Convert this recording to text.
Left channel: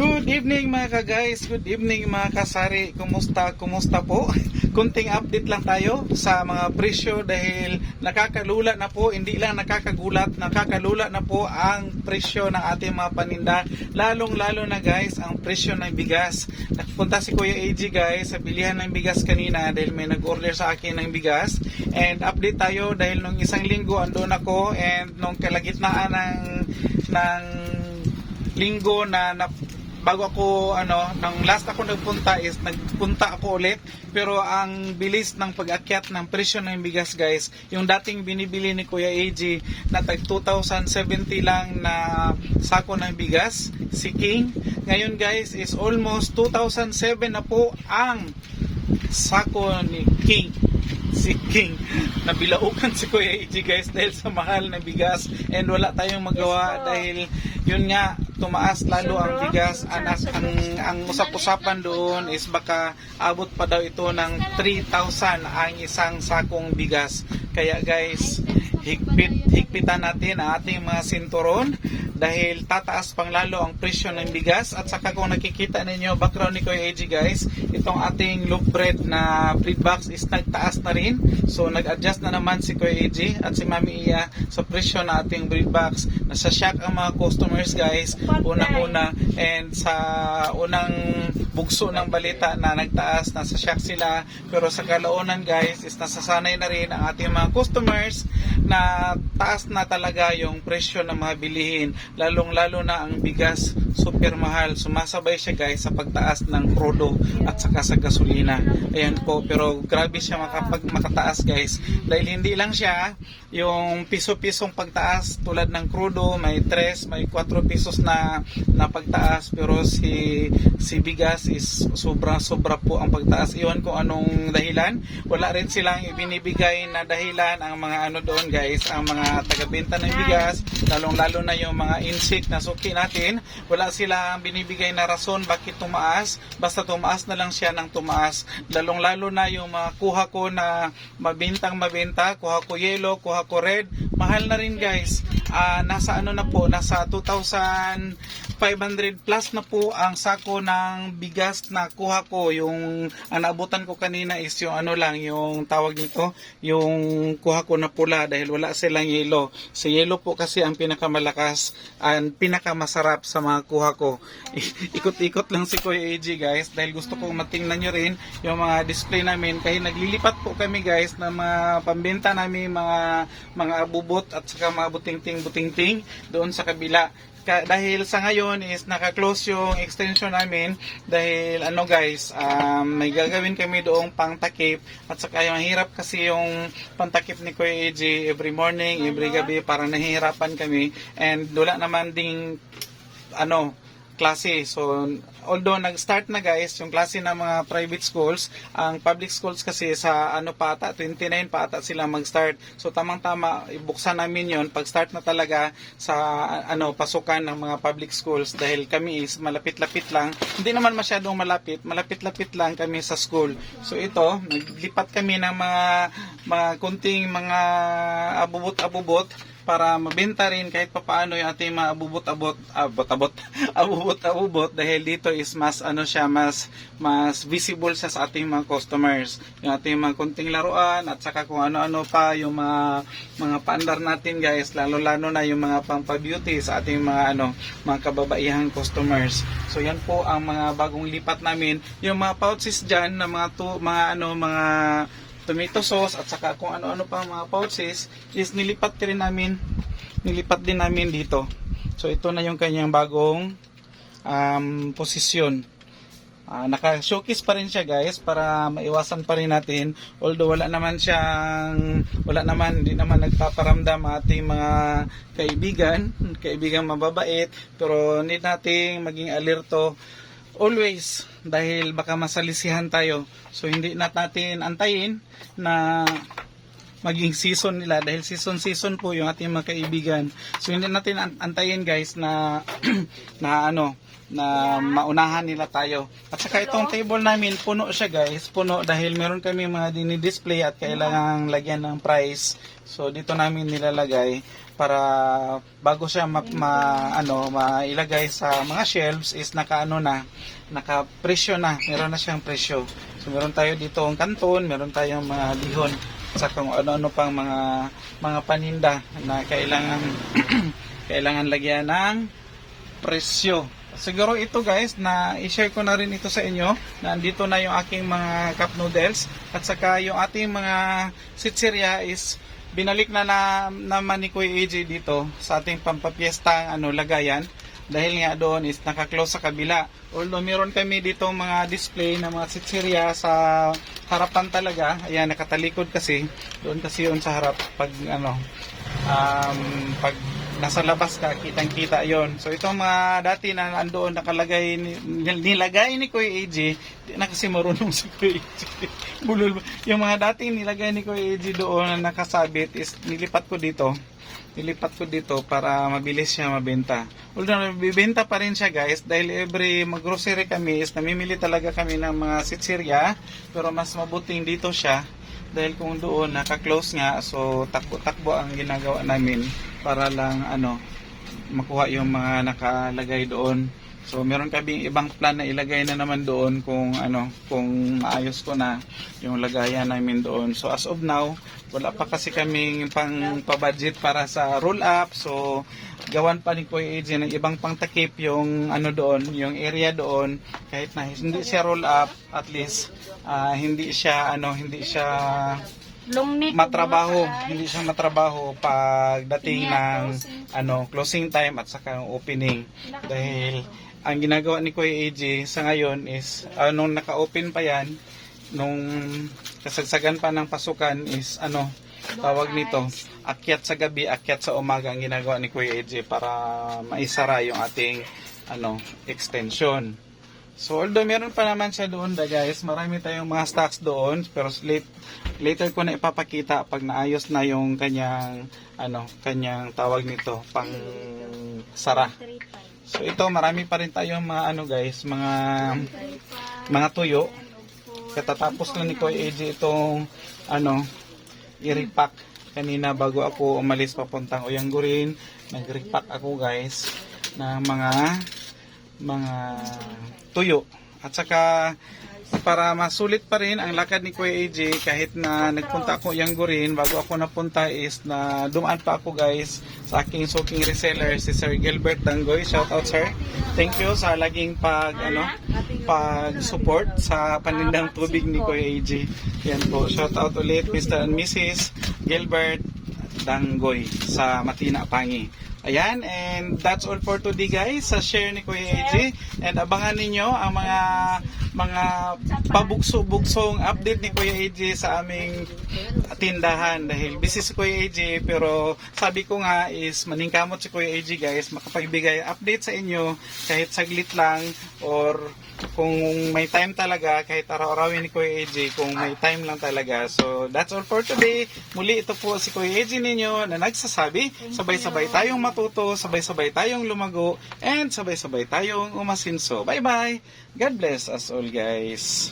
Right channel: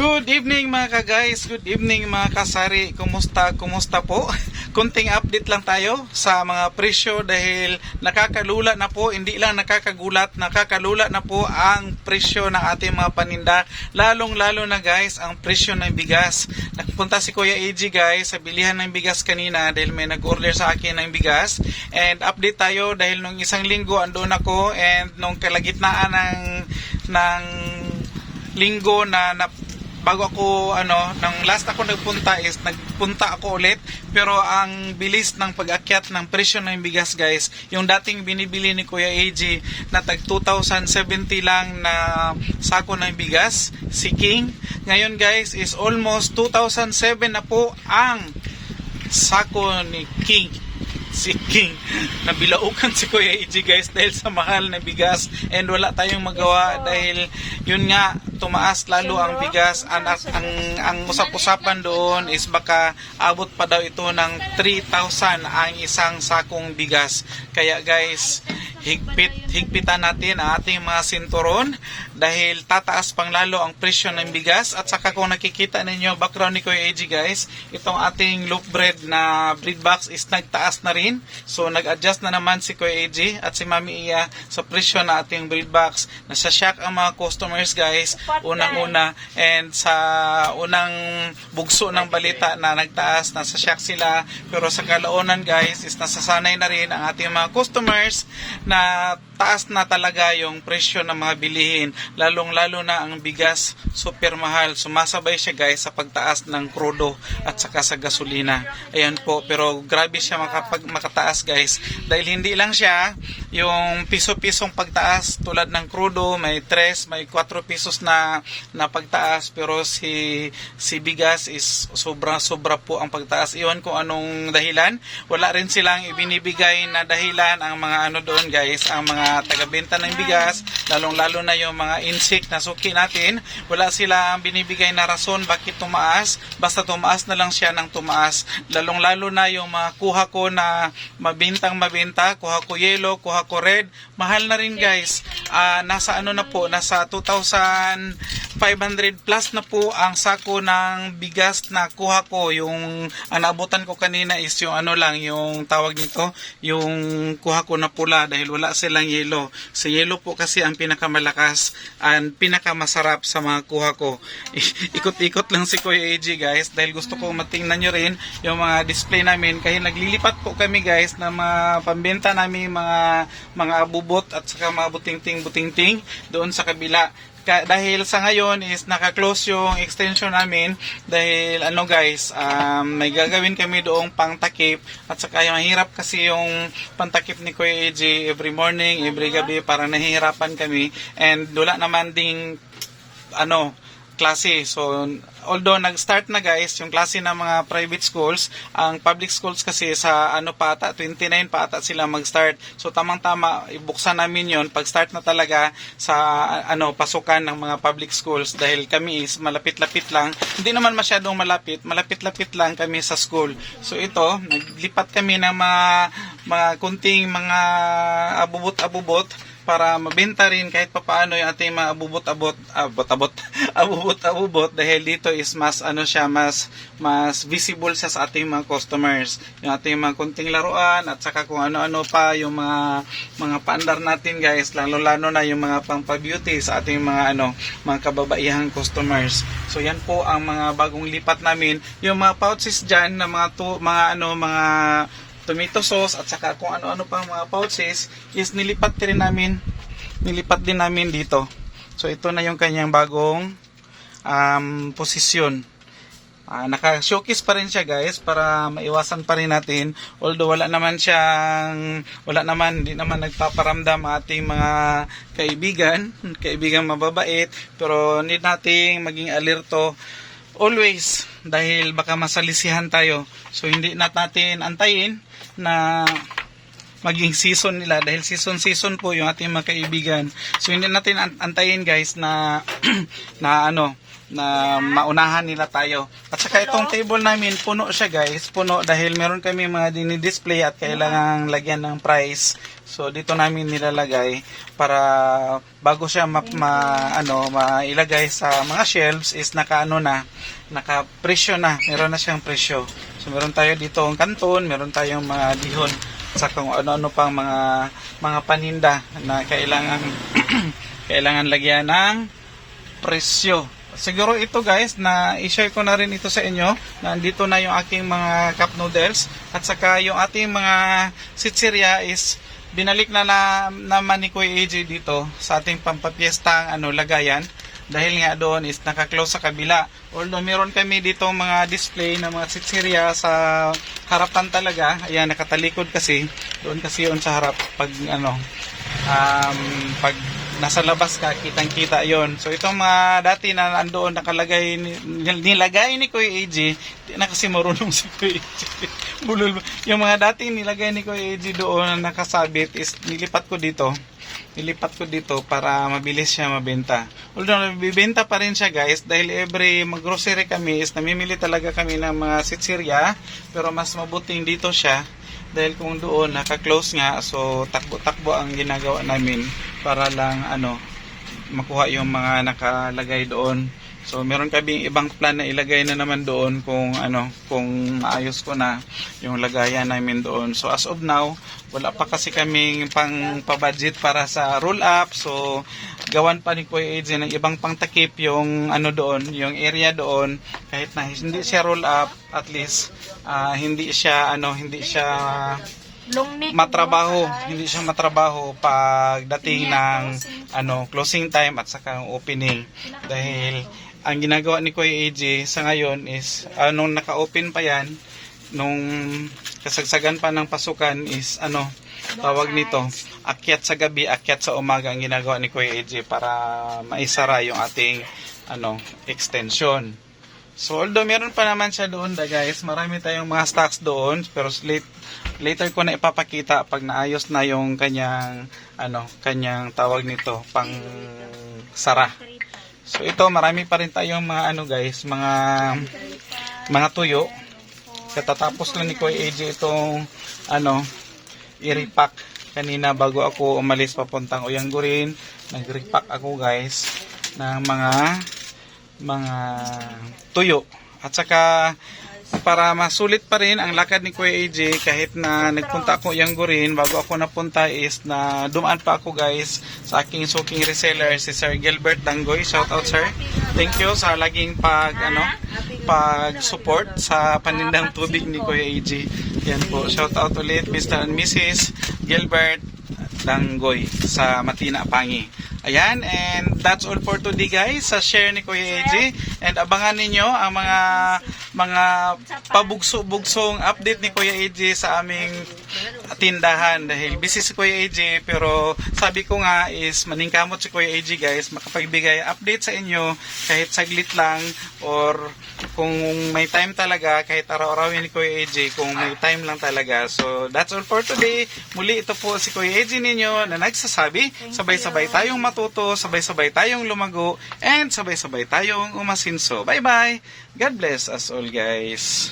Good evening mga ka-guys, good evening mga kasari. Kumusta po? Kunting update lang tayo sa mga presyo dahil nakakalula na po, hindi lang nakakagulat, nakakalula na po ang presyo ng ating mga paninda. Lalong-lalo na guys, ang presyo ng bigas. Nagpunta si Kuya AG guys sa bilihan ng bigas kanina dahil may nag-order sa akin ng bigas. And update tayo dahil nung isang linggo andun ako and nung kalagitnaan ng linggo na bago ako nang last ako nagpunta ako ulit, pero ang bilis ng pag-akyat ng presyo ng bigas guys, yung dating binibili ni Kuya AG na tag 2,070 lang na sako ng bigas, si King, ngayon guys is almost 2,007 na po ang sako ni King. Si King, nabilaukan si Kuya AG guys dahil sa mahal na bigas and wala tayong magawa dahil yun nga, tumaas lalo ang bigas. Ang usap-usapan doon is baka abot pa daw ito ng 3,000 ang isang sakong bigas. Kaya guys, higpitan natin ang ating mga sinturon dahil tataas pang lalo ang presyo ng bigas. At saka kung nakikita ninyo background ni Kuya AG guys, itong ating loaf bread na bread box is nagtaas na rin. So nag-adjust na naman si Kuya AG at si Mami Iya sa presyo na ating bread box. Nasa shock ang mga customers guys unang-una, and sa unang bugso ng balita na nagtaas, nasa shock sila, pero sa kalaunan guys is nasasanay na rin ang ating mga customers na taas na talaga yung presyo ng mga bilihin, lalong-lalo na ang bigas, super mahal. Sumasabay siya guys sa pagtaas ng krudo at saka sa gasolina. Ayan po, pero grabe siya makataas guys dahil hindi lang siya yung piso-pisong pagtaas tulad ng krudo, may 3, may 4 pesos na pagtaas, pero si bigas is sobra po ang pagtaas. Iwan ko anong dahilan, wala rin silang ibinibigay na dahilan ang mga doon guys, ang mga taga-benta ng bigas, lalong-lalo na yung mga insik na suki natin, wala silang binibigay na rason bakit tumaas, basta tumaas na lang siya ng tumaas. Lalong-lalo na yung mga kuha ko na mabenta, kuha ko yellow, kuha ko red, mahal na rin guys. Nasa nasa 2,500 plus na po ang sako ng bigas na kuha ko. Yung naabutan ko kanina is yung yung tawag nito, yung kuha ko na pula dahil wala silang yellow. Sa yellow po kasi ang pinakamalakas and pinakamasarap sa mga kuha ko. Ikot-ikot lang si Kuya AG guys dahil gusto ko matingnan nyo rin yung mga display namin, kaya naglilipat po kami guys na mga pambenta namin, mga abubot at saka mga buting-ting doon sa kabila. Dahil sa ngayon is naka-close yung extension namin dahil guys, may gagawin kami doong pangtakip at saka yung mahirap kasi yung pantakip ni Kuya AG every morning, every gabi, parang nahihirapan kami and wala naman ding klase. So although nag-start na guys yung klase ng mga private schools, ang public schools kasi sa 29 pa ata sila mag-start. So tamang-tama ibuksan namin yon pag start na talaga sa pasukan ng mga public schools dahil kami is malapit-lapit lang. Hindi naman masyadong malapit-lapit lang kami sa school. So ito, naglipat kami ng mga kunting mga abubot-abubot para mabenta rin kahit papaano yung ating mga abubot-abubot dahil dito is mas mas visible siya sa ating mga customers, yung ating mga kunting laruan at saka kung ano-ano pa yung mga paandar natin guys, lalo-lalo na yung mga pang-beauty sa ating mga kababaihang customers. So yan po ang mga bagong lipat namin, yung mga pouches dyan na mga tomato sauce at saka kung ano-ano pa mga pouches is nilipat din namin dito. So ito na yung kanyang bagong posisyon. Naka-showcase pa rin siya guys para maiwasan pa rin natin, although hindi naman nagpaparamdam ating mga kaibigan mababait, pero need nating maging alerto always dahil baka masalisihan tayo. So hindi natin antayin na maging season nila dahil season po yung ating mga kaibigan. So hindi natin antayin guys na maunahan nila tayo. At saka itong table namin puno siya guys, puno dahil meron kami mga dinidisplay at kailangan lagyan ng price. So dito namin nilalagay para bago siya mailagay sa mga shelves is naka-presyo na. Meron na siyang presyo. So meron tayo dito ang kanton, meron tayong mga dihon sa kung ano-ano pang mga paninda na kailangan kailangan lagyan ng presyo. Siguro ito guys, na i-share ko na rin ito sa inyo, na andito na yung aking mga cup noodles at saka yung ating mga sitsirya is binalik naman ni Kuya AJ dito sa ating pampapiestang lagayan, dahil nga doon is naka-close sa kabila. Although meron kami dito mga display na mga sitsirya sa harapan talaga, ayan nakatalikod kasi, doon kasi yun sa harap pag pag nasa labas ka, kitang-kita yon. So itong mga dati na andoon nakalagay, nilagay ni Kuya AJ, di na kasi marunong si Kuya AJ. Bulol. Yung mga dating nilagay ni Kuya AJ doon na nakasabit is nilipat ko dito para mabilis siya mabenta. Although nabibenta pa rin siya guys, dahil every mag-grocery kami is namimili talaga kami ng mga sitsirya, pero mas mabuting dito siya. Dahil kung doon naka-close nga, so takbo-takbo ang ginagawa namin para lang makuha yung mga nakalagay doon. So meron kami ibang plan na ilagay na naman doon kung maayos ko na yung lagayan namin doon. So as of now, wala pa kasi kaming pang-budget para sa roll up. So gawan pa ni Kuya AJ ng ibang pangtakip yung doon, yung area doon, kahit na hindi siya roll up, at least hindi siya matrabaho pagdating ng closing time at saka opening. Dahil ang ginagawa ni Kuya AJ sa ngayon is nung naka-open pa yan, nung kasagsagan pa ng pasukan is tawag nito, akyat sa gabi, akyat sa umaga ang ginagawa ni Kuya AJ para maisara yung ating extension. So although meron pa naman siya doon guys, marami tayong mga stocks doon, pero later ko na ipapakita pag naayos na yung kanyang tawag nito, pang sara. So ito, marami pa rin tayong mga guys, mga tuyo. Katatapos lang ni Kuya AJ itong i-repack kanina bago ako umalis papuntang Uyanggurin. Nag-repack ako guys ng mga tuyo. At saka para masulit pa rin ang lakad ni Kuya AJ, kahit na nagpunta ako Uyanggurin, bago ako napunta is na dumaan pa ako guys sa aking suking reseller, si Sir Gilbert Danggoy. Shout out sir. Thank you sa laging pag-support sa panindang tubig ni Kuya AJ. Yan po. Shout out ulit Mr. and Mrs. Gilbert Danggoy sa Matina, Pangi. Ayan, and that's all for today guys sa share ni Kuya AJ, and abangan ninyo ang mga pabugso-bugsong update ni Kuya AJ sa aming tindahan, dahil busy si Kuya AJ, pero sabi ko nga is maningkamot si Kuya AJ guys, makapagbigay update sa inyo kahit saglit lang, or kung may time talaga, kahit araw-arawin ni Kuya AJ kung may time lang talaga. So that's all for today. Muli ito po si Kuya AJ ninyo na nagsasabi, sabay-sabay tayong matuto, sabay-sabay tayong lumago, and sabay-sabay tayong umasinso. Bye-bye! God bless us all guys!